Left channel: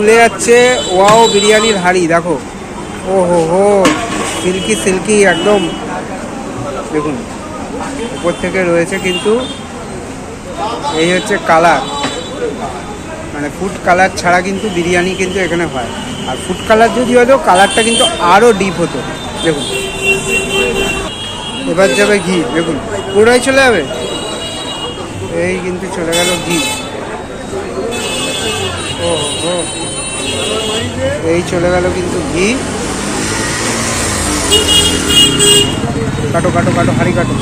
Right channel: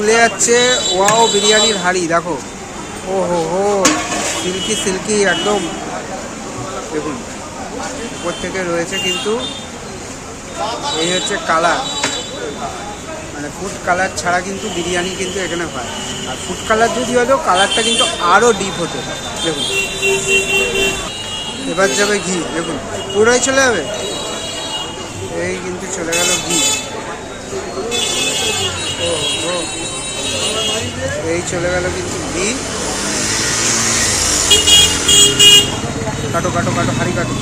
খুলে যাচ্ছে। ওয়াও বিরিয়ানির হাঁড়ি দেখো, ও হো হো, সিল্কি সিল্কি একদম। দেখুন উপর থেকে রয়েছে কিন্তু এই হচ্ছে কালার, মানে ফুড কালার ছাড়া কিন্তু বিরিয়ানি কিন্তু এখানে হয়। আর ফুড কালার যদি হতো কালারটা কিন্তু আরও ডিপ হতো। দেখুন এবার যাবে ঘি, দেখুন পুরোই চলে যাবে। এই কিন্তু চলে গেল ঘি, ও ও, এই চলে গেল কিন্তু ঘি। কাটো কাটো কাটো, হাঁড়ি কাটো।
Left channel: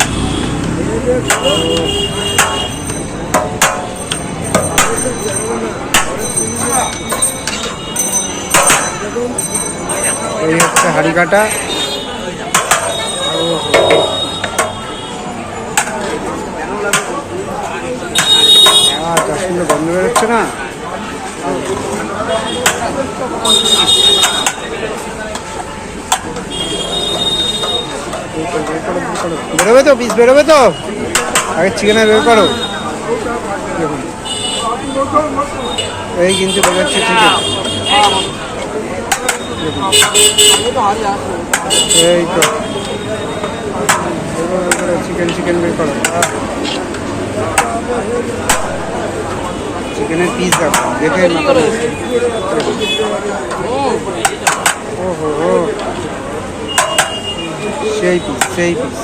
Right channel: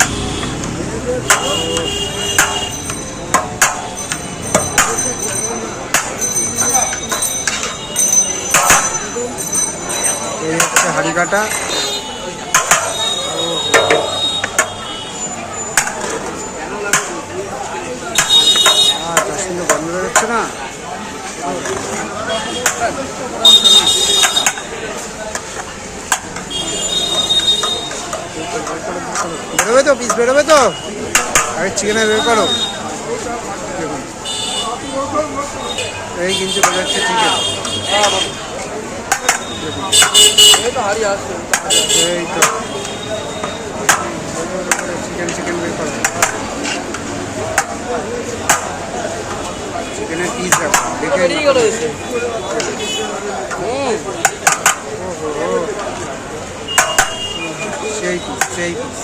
এই হচ্ছে হাঁড়ি কাটা। যা সুন্দর গন্ধ বেরোচ্ছে না। বেরোবে তো, পিস বেরোবে তো, আগে চিকেনে বের করো। দেখুন এই কিন্তু বেরোচ্ছে চিকেন। দেখুন এই তো চিকেন, চিকেন বের করো। চিকেনের পিস দেখো, দেখে মাথা রয়েছে। ও হো হো, সেই পিস, সেই পিস।